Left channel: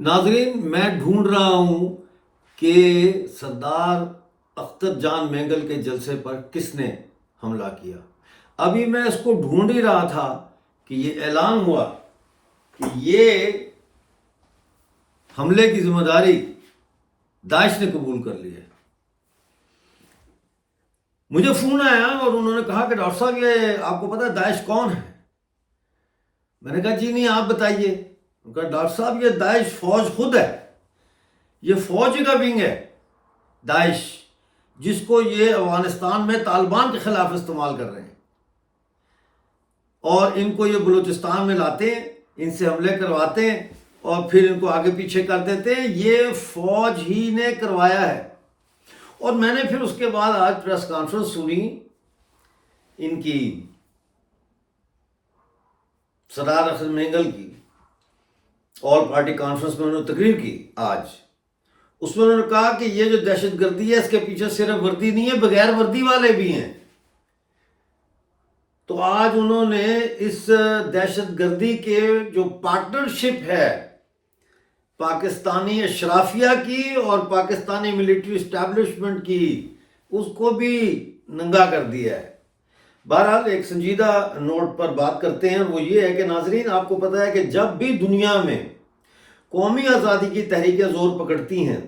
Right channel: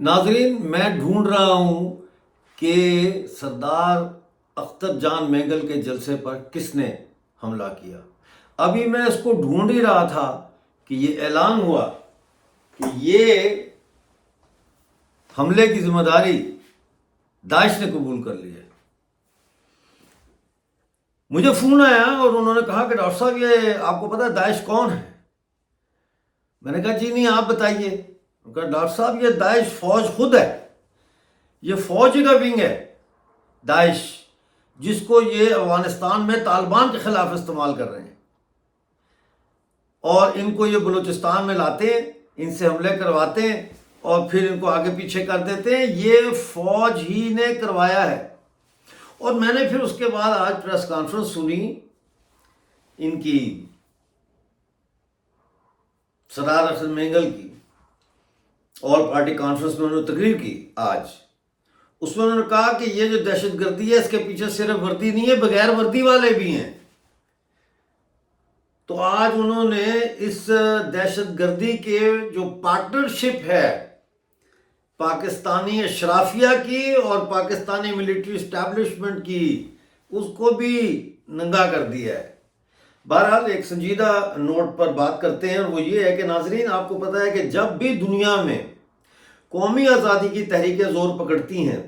ناظرین، میں ڈھونڈ رہا ہوں کہ سردار اختر جان مینگل کے جلسے پر کس نے حملہ کیا۔ ابھی میں اس کو ڈھونڈ ہی رہا تھا کہ یہ اعلان ہوا کہ یہ حملے کی ذمہ داری داعش نے قبول کر لی ہے۔ مجھے فون آیا اور انہوں نے کہا کہ ڈاکٹر صاحب یہ آپ کو پتا ہے داعش کون ہے؟ میں نے کہا جی نہیں، آپ بتائیے۔ انہوں نے کہا ڈاکٹر صاحب یہ داعش فوج خود ہے، یہ فوج کا ونگ ہے داعش، جس کو یہ افغانستان میں طالبان کے خلاف استعمال کر رہے ہیں، اور ان کو یہ بلوچستان میں لاتے ہیں، ان سے حملے کرواتے ہیں اور پھر ان کو آگے پیچھے کر دیتے ہیں۔ یہ فوج ہی نے کروایا ہے۔ اور میں نے پھر اس کے بعد آج پریس کانفرنس سنی ان کی، سردار اختر مینگل کی، اور پارٹی کانفرنس میں انہوں نے تقریر کی آج۔ اس میں انہوں نے کہا کہ یہ جو دہشت گردی ہے اس کے پیچھے صرف وردی نہیں ہے، بغیر وردی والے بھی ہیں۔ تو آج انہوں نے اس دہشت گردی کے جو پارٹنرشپ ہے پاکستانی اشرافیہ کی اور پاکستانی ملٹری اسٹیبلشمنٹ کی، اس کو بھی ننگا کر دیا ہے۔ بہرحال ایک سنجیدہ نوٹ پر بات کرتے ہیں، وہ یہ ہے کہ ناظرین آپ کو پتہ ہے کہ جب بھی دنیا میں قومی آزادی کی تحریکیں زور پکڑتی ہیں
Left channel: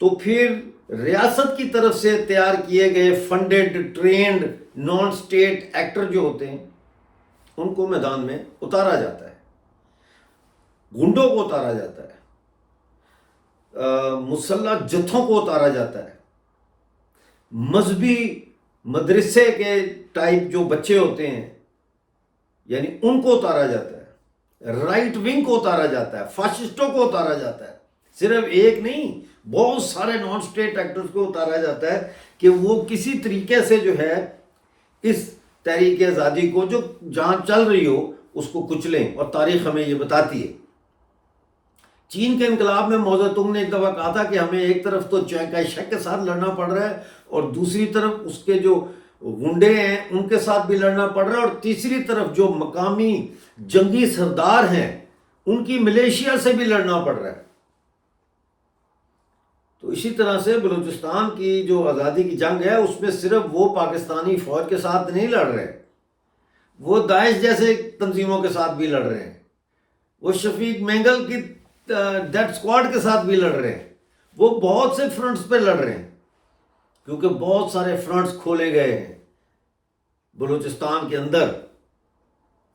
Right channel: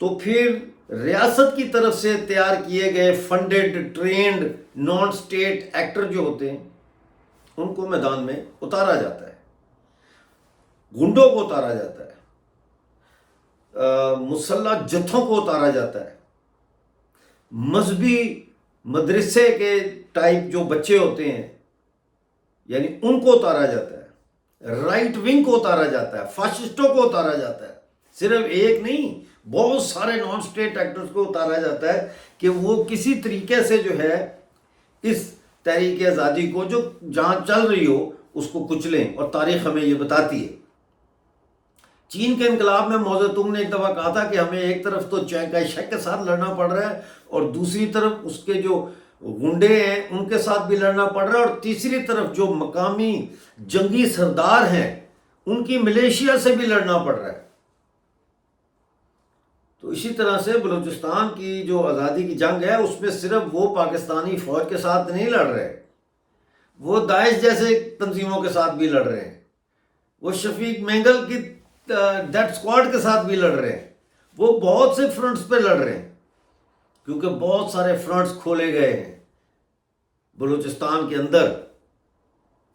تو پھر ریاست کی طرف سے تیار کیے گئے funded trained non state actor جو ہوتے ہیں ان کو میدان میں اتارا جاتا ہے، گنڈوں کو اتارا جاتا ہے، مسلح جتھوں کو اتارا جاتا ہے، مذہبی مدرسے کے ٹائپ جو بچے ہوتے ہیں یعنی ان کو اتارا جاتا ہے، رائٹ ونگ کو اتارا جاتا ہے، فاشسٹوں کو اتارا جاتا ہے۔ صرف ایک نہیں، بہت سارے نان سٹیٹ ایکٹرز کو اتارا جاتا ہے کہ وہ کسی طریقے سے جو ہے اس تحریک آزادی کو جو جہاں چل رہی ہو اس کو کچلیں، اور تاریخ ہمیں یہ بتاتی ہے۔ چین کے انقلاب میں موزہ تنگ نے ایک دفعہ کہا تھا کہ ہمیں ایک طرف تو چینگ کائی شک کے ساتھ لڑنا پڑ رہا ہے، اور دوسری طرف اس کے جو غنڈے ہیں ان کے ساتھ بھی لڑنا پڑ رہا ہے، اور تیسری طرف جو مقامی جنگی سردار ہیں ان کی ملیشیا سے بھی لڑنا پڑ رہا ہے۔ تو اسی طرح سے بلوچستان کی جو آزادی کی جنگ ہے اس میں صرف وہ پاکستانی فوج کے ساتھ نہیں لڑ رہے، وہ داعش جیسے تنظیموں کے ساتھ بھی لڑ رہے ہیں، وہ شفیق مینگل کی ڈیتھ اسکواڈ کے ساتھ بھی لڑ رہے ہیں، وہ بہت سے فرنٹس پہ لڑ رہے ہیں، کیونکہ بہت سارے فرنٹس کھولے گئے ہیں بلوچستان کے اندر،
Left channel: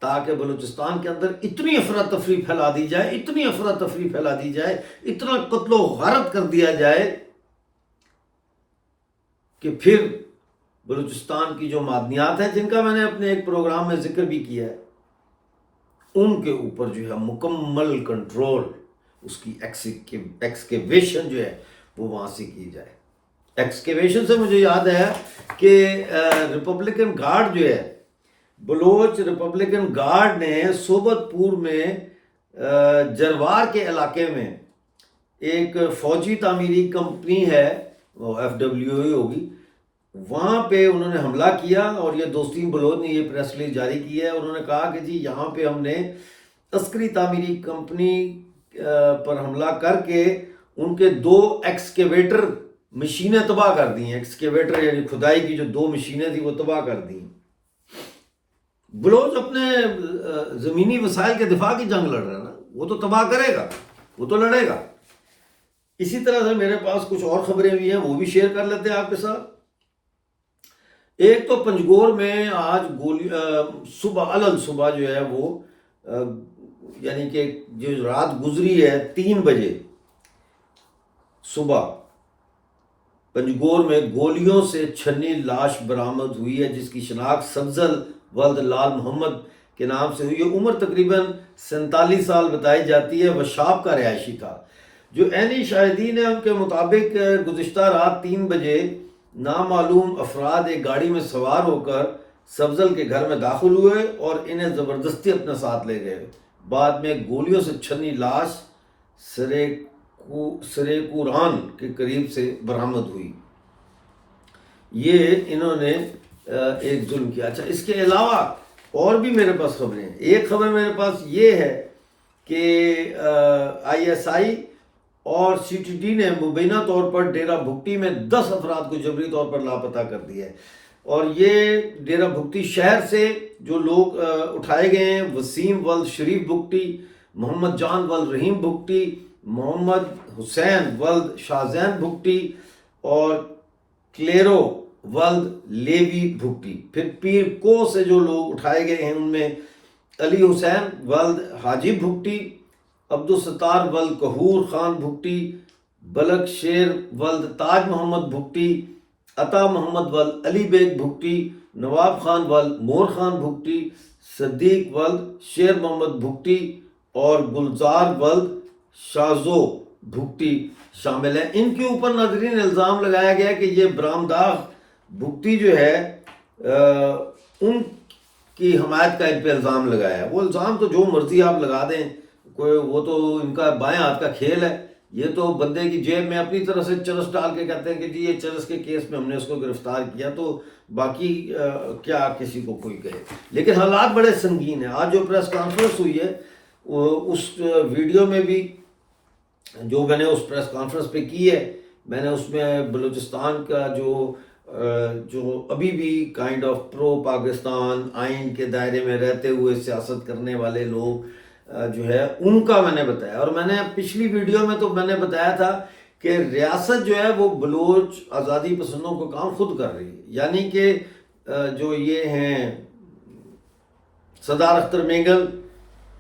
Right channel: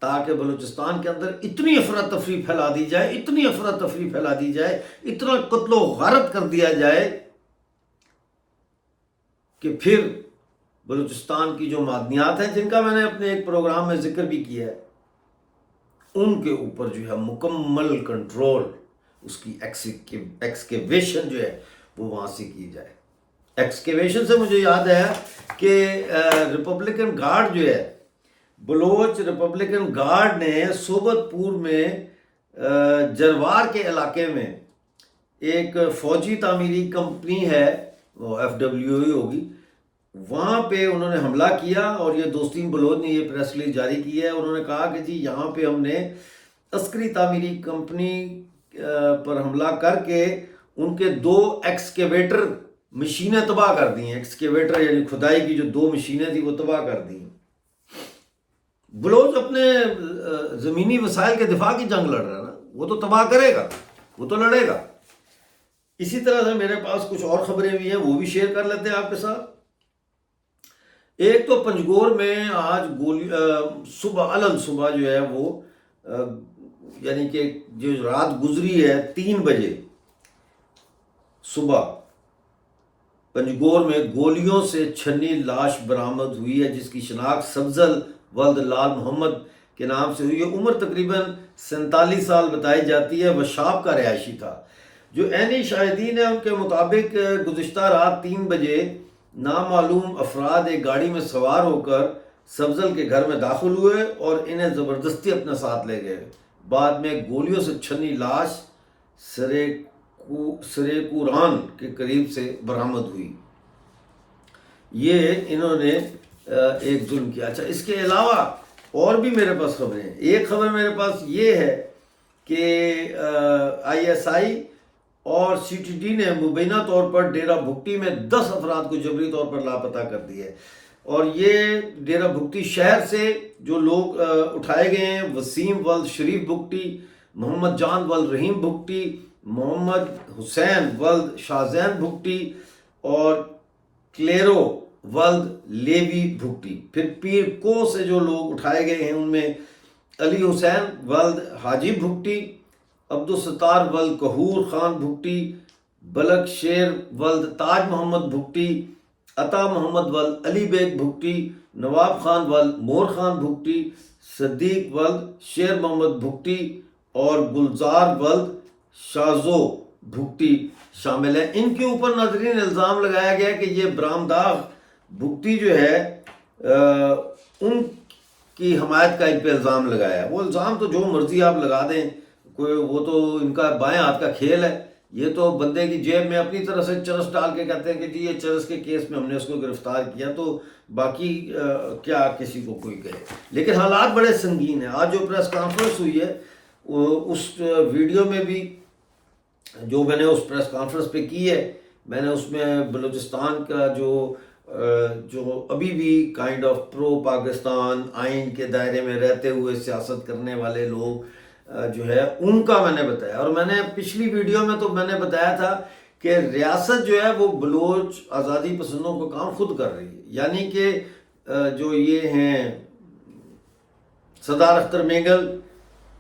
تاکہ بلوچستان کے اندر اتنی افراتفری پھیلا دی جائے، اتنی افراتفری پھیلا دی جائے، اتنا قتل و غارت کر دیا جائے کہ پھر بلوچستان کی جو معدنیات ہیں جن کا میں نے اپنے ایک پروگرام میں ذکر بھی کیا ہے، ان کے اوپر جو ہے مکمل کنٹرول، اس کی ایکسکیویشن جو ہے وہ وہاں سے کی جائے۔ ایکسکیویشن سے مجھے یاد ہے کہ ریپبلکن گارڈ جو ہے، بلوچ ریپبلکن گارڈ نے صوبت پور میں جروار کے علاقے میں ایک فوجی تعمیری کمپنی ہے، وہ FWA ہوگی، وہاں پہ انہوں نے حملہ کیا، اور یہ دوستین بلوچ نے یہ پریس ریلیز جاری کی ہے۔ انہوں نے کہا کہ جی یہاں پہ ہم نے عسکری تعمیری کمپنی پر حملہ کر کے ان کے 2 ایکسکیویٹر مشینیں تباہ کر دی ہیں۔ ایکسکیویٹر یعنی کھدائی کی جو 2 مشینیں تھیں وہ تباہ کر دی ہیں۔ بلوچ اپنے زمینی وسائل کے دفاع کی جنگ لڑ رہا ہے نا، وہ تو تباہ کرے گا، وہ تو لڑے گا۔ اسی طرح سے میرے پاس کچھ اور خبریں بھی ہیں، وہ بھی شیئر کر لیتے ہیں آپ کے ساتھ۔ ایک تو پنجگور میں آج صبح علل صبح جو ہے وہ یعنی کہ جو رات گزری ہے 3 بجے صبح پنجگور میں گولیوں سے چھنی لاش برآمد ہوئی ہے، جس کی شناخت سبزل ولد لال محمد کے نام سے ہوئی ہے۔ عمر تقریباً 47 سال بتائی جاتی ہے، وشاب کا رہائشی تھا۔ جو عینی شاہدین ہیں ان کے مطابق گزشتہ رات 3 بجے نامعلوم افراد ایک گاڑی میں سوار ہو کر سبزل کے گھر میں داخل ہوئے اور انہیں زبردستی اپنے ساتھ لے گئے۔ بعد میں گولیوں سے چھنی لاش سریکوران کے قریب سے برآمد ہوئی۔ یہ انہوں نے ایک ظلم کیا۔ اچھا، اس کے علاوہ اور بھی میرے پاس خبریں ہیں۔ ایک خبر میرے پاس یہ ہے کہ ISI اور CTD نے مبینہ طور پر ڈیرہ بھگٹی میں 10 افراد کو جبری طور پر لاپتہ کر دیا ہے، اور یہ ڈیرہ بھگٹی شہر سے جو لوگ اٹھائے گئے ہیں، وسیم ولد شریف بھگٹی، محمد جان ولد رحیم بھگٹی، محمد حسین ولد شاہزین بھگٹی اور کلیرو ولد لیوی بھگٹی۔ پھر پیر کو سے جو لوگ اٹھائے گئے ہیں ان میں علی حسین ولد حاجی بھگٹی، عبدالستار ولد کہور خان بھگٹی، بلک شیر ولد تاج محمد بھگٹی، عطا محمد ولد علی بیگ بھگٹی، نواب خان ولد مور خان بھگٹی، صدیق ولد شیر محمد بھگٹی اور گلزار ولد شازو بھگٹی شامل ہیں۔ ان کے اوپر ناظرین الزام لگایا گیا کہ یہ برامداغ بھگٹی جو ہے ان کی حمایت کا ان پہ الزام لگایا ہے۔ وہ الزام تو جو مرضی آپ لگا دیں، کوئی وہ تو ان کا بائیں ہاتھ کا کھیل ہے، یہ تو بندے کی جیب میں اپنی طرف سے چرس ڈال کے کہتے ہیں کہ جی یہ چرس کے کیس میں ہم نے اس کو گرفتار کیا، تو باقی کیا کسی کو کوئی کہے۔ لیکن حالات بڑے سنگین ہیں۔ آج جو پریس کانفرنس ہوئی ہے اس ویڈیو میں بھی جو میں نے اس پریس کانفرنس پہ کی ہے، میں نے اس میں بلوچستان کا جو ابھی بھی کائنڈ آف پرو پاکستان آئین کے دائرے میں رہتے ہوئے سیاست کرنے والے لوگ جو ہے ان کا میں نے بتایا، اور میں نے پچھلی ویڈیو میں تو میں نے بتایا تھا کہ ریاست جو ہے وہ بلوچ آزادی پسندوں کو کام خود کر رہی ہے، یعنی کہ جو یہ ہیں صدار اختر مینگل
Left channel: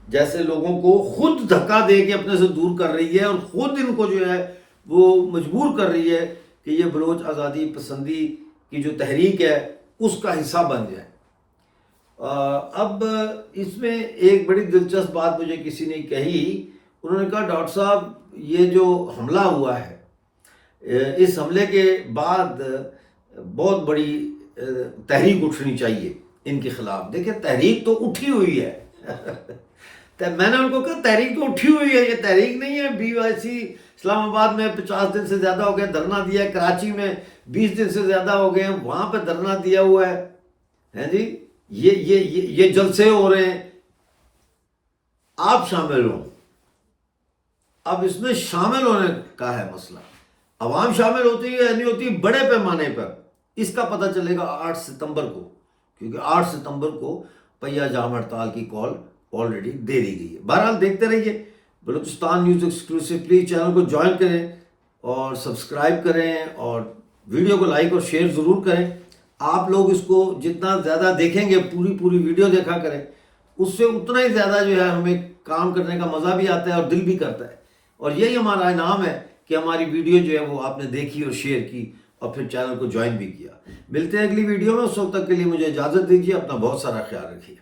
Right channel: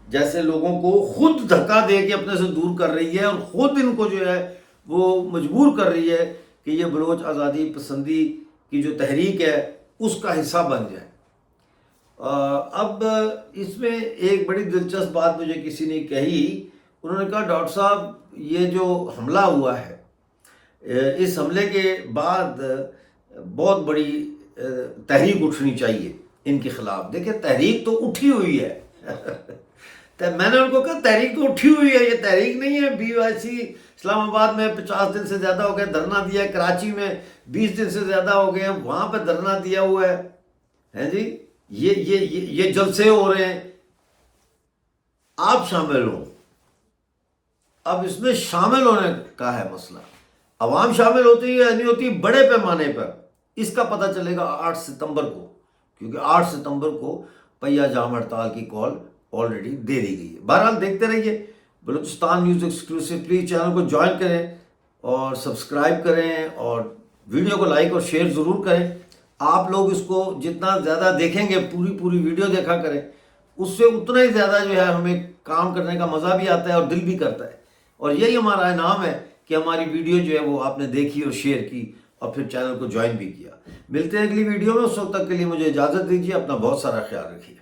جیسے لوگوں کو خود دھکا دے کے اپنے سے دور کر رہی ہے، اور خود ان کو جو ہے وہ مجبور کر رہی ہے کہ یہ بلوچ آزادی پسندی کی جو تحریک ہے اس کا حصہ بن جائے۔ اب اس میں ایک بڑی دلچسپ بات مجھے کسی نے کہی، انہوں نے کہا ڈاکٹر صاحب یہ جو حملہ ہوا ہے اس حملے کے بعد بہت بڑی تحریک اٹھنی چاہیے ان کے خلاف۔ دیکھیں تحریک تو اٹھی ہوئی ہے میں نے ان کو کہا تحریک تو اٹھی ہوئی ہے، یہ تحریک نہیں ہے۔ BYC اسلام آباد میں 50 دن سے زیادہ ہو گئے دھرنا دیا ہے، کراچی میں 20 دن سے زیادہ ہو گئے ہیں وہاں پہ دھرنا دیا ہوا ہے جی، یہ جلسے ہو رہے ہیں، آپ شامل ہوں۔ اب اس میں شامل ہونے کا ہے مسئلہ، عوام شامل ہوتی ہے یا نہیں ہوتی بڑے پیمانے پر، اس کا پتہ چلے گا 8 ستمبر کو، کیونکہ 8 ستمبر کو پہیہ جام ہڑتال کی کال آلریڈی دے دی گئی ہے۔ بہرحال دیکھتے رہیے Balochistan news exclusive, please channel کو جوائن کریں اور سبسکرائب کریں اور ویڈیو کو لائک اور شیئر ضرور کریں۔ آپ لوگ اس کو جتنا زیادہ دیکھیں گے، پوری ویڈیو دیکھا کریں، اس سے اتنا ہی زیادہ جو ہے ہمیں کام کرنے کا مزہ بھی آتا ہے اور دل بھی کرتا ہے، اور یہی ہمارا انعام ہے کہ ہماری ویڈیو جو ہے وہ آپ نے دیکھی اور شیئر کی اور پھر چینل کو جوائن بھی کیا۔ ملتے ہیں اگلی ویڈیو میں، اس وقت تک کے لیے مجھے اجازت دیجیے، اپنا بہت سارا خیال رکھیے۔